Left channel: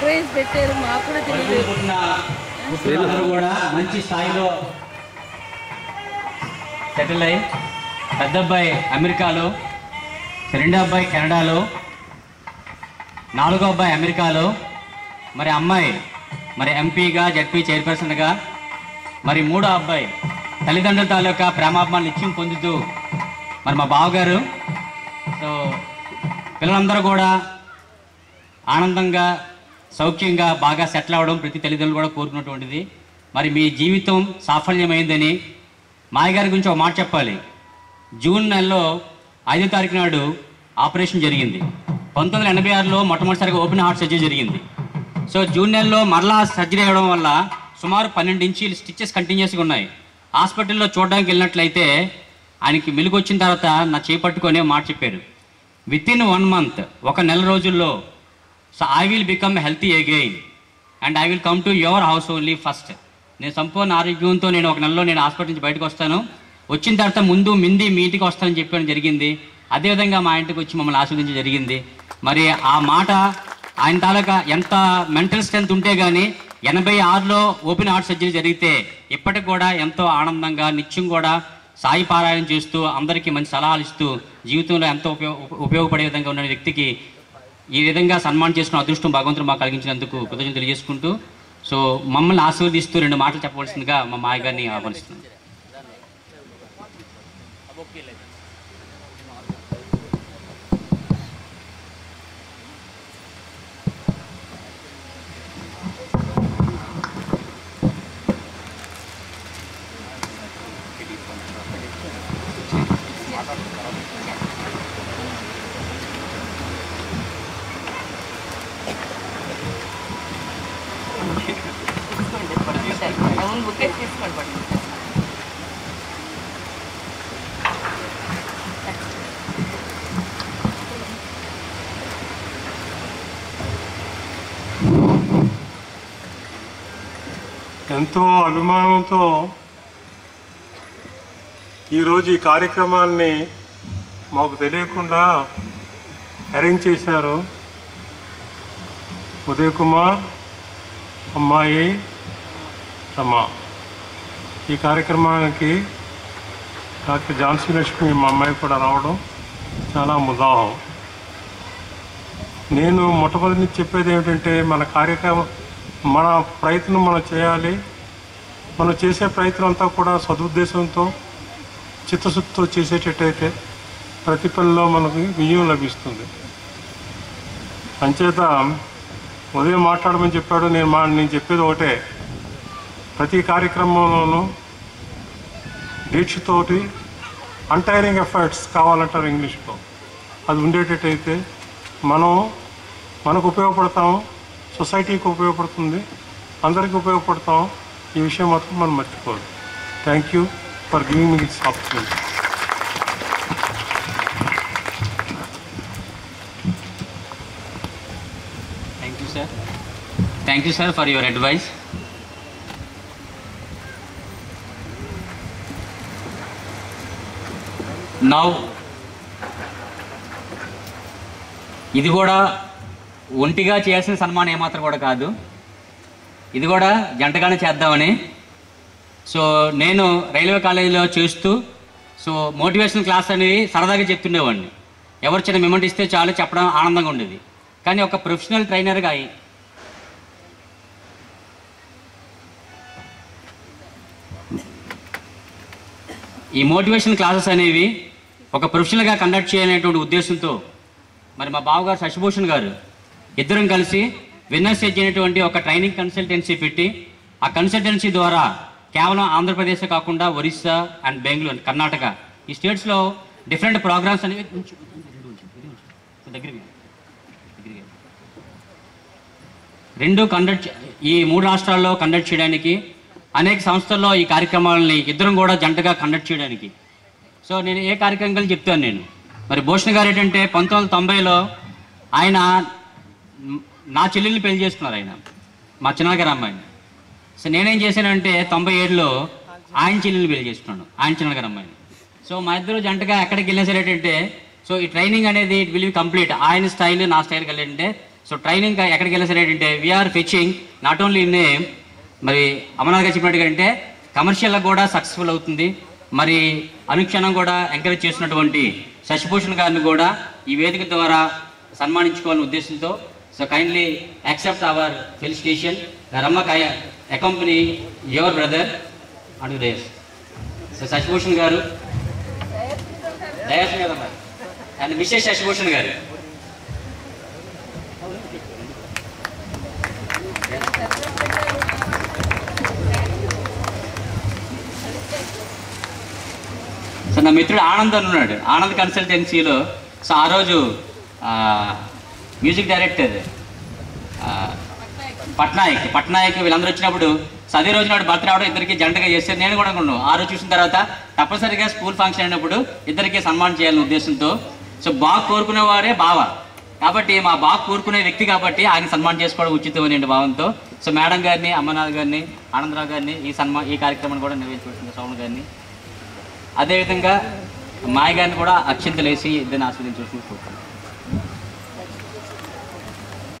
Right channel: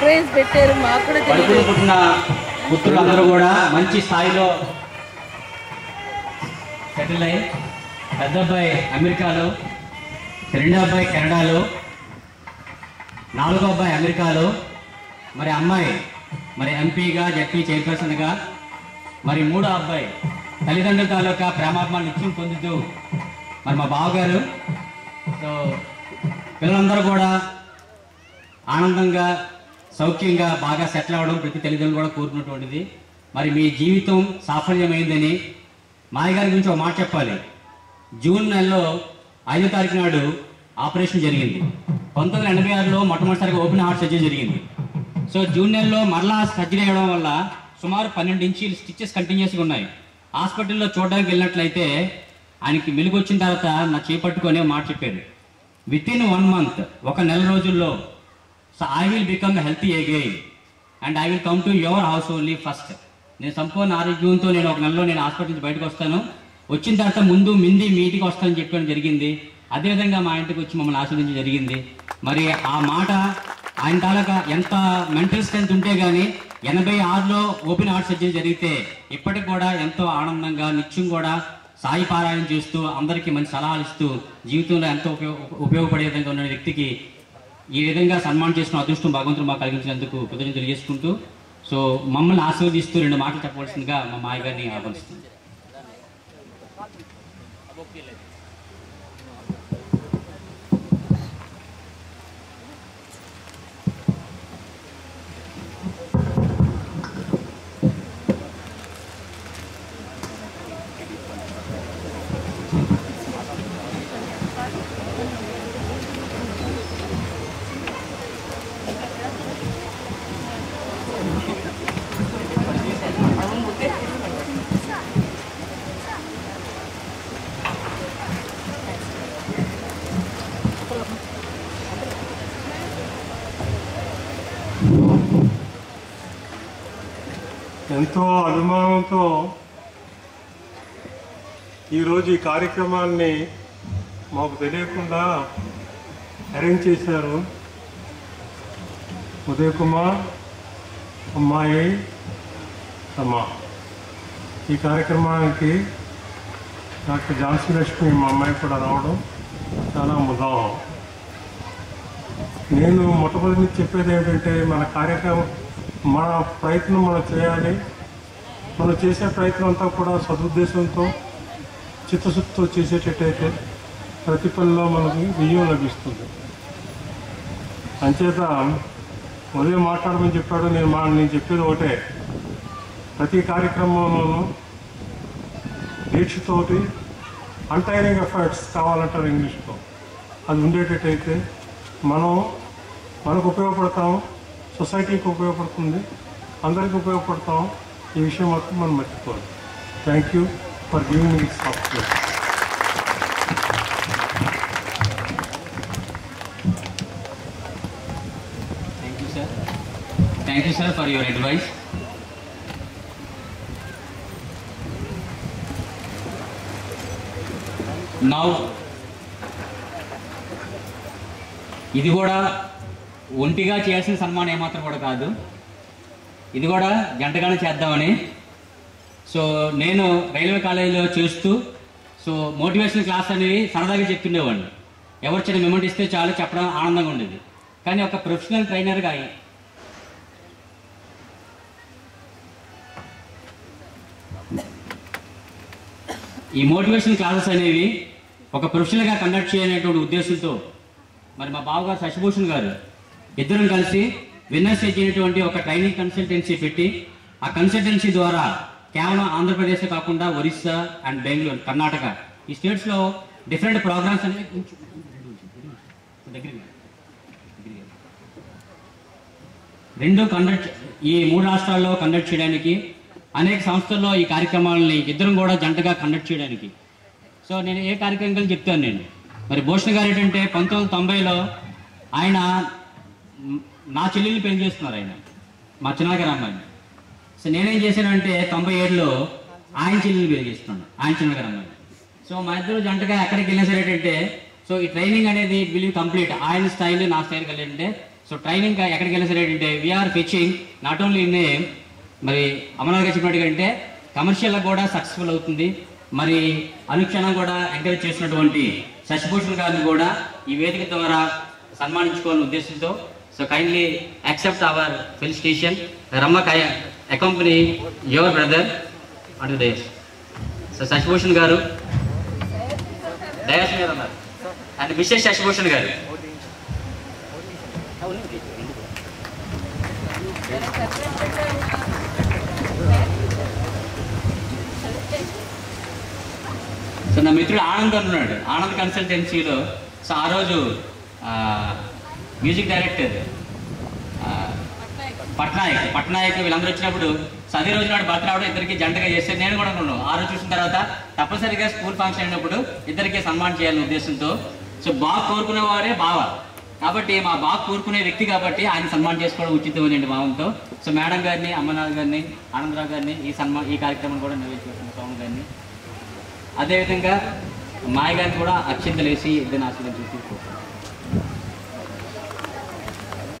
Surprise పెట్టారు, మాకు కూడా తెలియదు. అందరూ కూడా మంచి స్థాయిలో సెటిల్ అయ్యి, పెద్ద అబ్బాయి అమెరికాలో, రెండో అబ్బాయి కెనడాలో, నాలుగో అబ్బాయి అమెరికాలో, మరి అమ్మాయి మరి ఎంపీగా జడ్పీ చైర్పర్సన్గా, మరి మూడో అబ్బాయి తల్లిదండ్రుల తాలూకా ప్రేమాభిమానులు నిత్యం పొందుతూ మరి మా బావగారు. సో పిల్లలందరూ కూడా ఆనందంగా సౌఖ్యంగా బాగా సెటిల్ అవ్వడం ప్రతి తల్లిదండ్రులు కూడా కోరుకున్నటువంటిది. మరి మీ జీవితం సాఫల్యమైందని మాయ గారి గురించి ఒక మాట చెప్పాలి. జూన్ నెలలో 5వ తారీఖు నాడు ఆపరేషన్ జరిగింది. 1986లో మొట్టమొదటిసారిగా ఓపెన్ హార్ట్ సర్జరీ జరిగింది. సో జూన్ నెలలో మరలా సర్జరీ అవ్వడం వల్ల సుమారు 12 ఇంచీలు స్టిచెస్ కంటిన్యూస్గా ఉన్నాయి. హాస్పిటల్లో చూడడానికి వెళ్ళినట్లయితే ఆయనకి మెలుగు వచ్చిన తర్వాత నా చేపట్టుకొని మాట చెప్పారు, వితిన్ 1 మంత్, ఒక నెల రోజుల్లో, so I will become healthy again and I will come to your house only first. నేను సంపూర్ణ ఆరోగ్యంతో నేను ఒక నెలలో నేను హాస్పిటల్ నుంచి బయటకు వస్తాను, వచ్చిన తర్వాత ముందు మీ ఇంటికి వస్తానని చెప్పడం జరిగింది. అదేవిధంగా మా ఇంటికి వచ్చి మమ్మల్ని ఆశీర్వదించడం జరిగింది. మరి ఆ మాట ఆయన తాలూకా ఎంత మెంటల్ స్ట్రెంత్ ఉంటే కానీ 86లో ఓపెన్ హార్ట్ సర్జరీ జరిగితే ఇప్పటికి కూడా ఎంతో ఆనందంగా నిత్యం కూడా సాయి పారాయణ చేస్తూ అందరికీ మంచి సలహాలు ఇస్తూ జీవితంలో ఎంతో ఉపయోగపడే విధంగా ఉన్న వ్యక్తికి ఈ విధంగా సన్మానం చేసుకున్న అదృష్టం భగవంతుడు మాకు కలిగించినందుకు కృతజ్ఞతలు తెలియజేసుకుంటూ, సో మమ్మల్ని ఆశీర్వదిస్తూ 2 మాటలు చెప్పవలసిందిగా మా మాయ గారిని ఆహ్వానిస్తుంది. ఎంతో అభిమానంతో ఈరోజు ఈ కార్యక్రమాన్ని మాకు తెలియకుండా అరేంజ్ చేశారు. ఉదయ్ కుమార్, అమ్మాయి రమ. ఈ కార్యక్రమానికి డాక్టర్ ఝాన్సీ లక్ష్మి మా అమ్మాయి కూడా రావడం చాలా ముదాహం. నేను మొట్టమొదటి నుంచి చెప్పేది ఏమిటంటే, మన ప్రయత్నం మనం చేయాలి. మనం చేసే ప్రయత్నం అంతా కూడా సదుద్దేశంతో చిత్తశుద్ధితో చేసేటట్టయితే ప్రతి పనిలో మనకు విజయం లభిస్తుంది. అంచేత ఉదయం మాట్లాడమని చెప్పాడు. నేను చెప్పేది ఒకటే, ప్రతి కార్యక్రమంలోనూ దీక్షతోటి అన్టైరింగ్ ఎఫర్ట్స్ కావాలంటారు ఇంగ్లీష్లో, అది ఉండేటట్టయితే మనకు ఉపయోగపడతాము, సొసైటీకి ఉపయోగపడుతుంది, అందరికీ ఉపయోగపడతాం. ఈ విషయం మాత్రం మనం మర్చిపోవాలి. Thank you for giving me this opportunity. Thank you sir for your advice. Now ఇది కూడా ఒంటిగా చేయాల్సిన సన్మానం ఏమాత్రం కూడా కాదు, ఇది కూడా జంటగానే చేద్దామని. సో నేను రైల్వే కాలేజీలో చేస్తూ సో మోటివేషనల్ క్లాస్ అనేది సరదాగా చెప్తుండేవాడిని. ఎవరు చిన్న మెమెంట్ ఇస్తే చాలు చెప్పడం ఆనందంగా ఉండేది. కానీ ఒక ప్రొఫెషనల్ ట్రైనర్గా ఈ మోటివేషనల్ క్లాసెస్ అనేవి ఒక ప్రొఫెషనల్గా కండక్ట్ చేయాలనేటువంటి ఉద్దేశంతో మరి మా బావగారు శశిభూషణ్ గారు ఇద్దరం కలిసి విన్నర్స్ అయినటువంటి ఒక ట్రైనింగ్ కన్సల్టెన్సీ పెట్టి, ఆ కన్సల్టెన్సీ ద్వారా కేవలం ఆంధ్రప్రదేశ్ కాకుండా ఒరిస్సా అండ్ బెంగళూరు, కర్ణాటక ఈ స్టేట్స్లో డిఫరెంట్ ప్రోగ్రామ్స్ అనేవి ఈ 3 రాష్ట్రాల్లో కండక్ట్ చేయడానికి, అనేక సంస్థల్లో ఈ కార్యక్రమాలని ఇద్దరం కూడా జంటగా కండక్ట్ చేయడానికి. సో నేను ఏ కార్యక్రమం చెప్తాను. నేను మరి భూషణ్ గారు ఏంటంటే 1990లో ఆయన నా చెల్లెల్ని పెళ్లి చేసుకున్నారు, ఆయన మా చిన్నగారు అమ్మాయిని. సో నేనేం చేశానంటే 97లో ఆయన చెల్లెల్ని పెళ్లి చేసుకున్నాను, ఆయన చిన్నగారు అమ్మాయిని. సో మా ఇద్దరు జంటగా ఎక్కడికి వెళ్ళేసరేటంటే సో సో ఈ ట్రైనింగ్ అనేది ఇట్ విల్ బి కంప్లీట్. ఆయన స్టైల్ నా స్టైల్ కలిగింటే సో ట్రైనింగ్ ఎక్కడికి వెళ్ళి సరే ఏంటంటే వీఆర్ ఫిచింగ్ నాట్ ఓన్లీ ఇన్ మరి అమర్నాథ్ గారు చెప్పినట్టుగా అంటే కమర్షియల్గా కూడా సక్సెస్ఫుల్ అవుతుంది. మరి అనుక్షణం కూడా ఎంకరేజ్ చేసినటువంటి శశిభూషణ్ గారిని కూడా ఈ వేదిక ద్వారా సన్మానించుకోవాలనే ఉద్దేశంతో so kindly accept our felicitation రమ్మ accompany your brother and dais. So Shashibhushan గారు డయాస్ మీద ఉన్నారు అండ్ మిస్టర్ శశిభూషణ్ గారు. సో నా మిత్రుడు ఆనంద్ ఉన్నాడు, ఆనంద్ కన్సల్టెన్సీలో. సో ఆ రోజు మ్యూజిక్ డైరెక్టర్ పట్నాయక్ వీళ్ళందరూ వచ్చినప్పుడు సో అదే రోజు నాడు బర్త్ రావడం ఇద్దరికి జంటగా చేస్తే నేను కూడా అనుకున్నాను. ఆ రోజు చూసిన తర్వాత తప్పనిసరిగా స్కూల్ ఫంక్షన్ అయినప్పుడు ఇద్దరికి సన్మానం చేయాలనే ఉద్దేశంతో సో బాగా కోరుకునేవారే బావ కాబట్టి మా బాగా కోరుకునే వ్యక్తి కాబట్టి ఆయన సన్మానం చేసుకోవడం ఉచితం అనే భావంతో సో మేడం గారిని, అమ్మనాథ్ గారిని, ఆనందరావు గారిని ఈ కార్యక్రమాన్ని కూడా నిర్వహించుకుంటున్న సౌండ్ గారిని, అదేవిధంగా మాయ గారిని కూడా అక్షింతలేసి ఇద్దరిని ఆశీర్వదించి చూసుకుంటాను.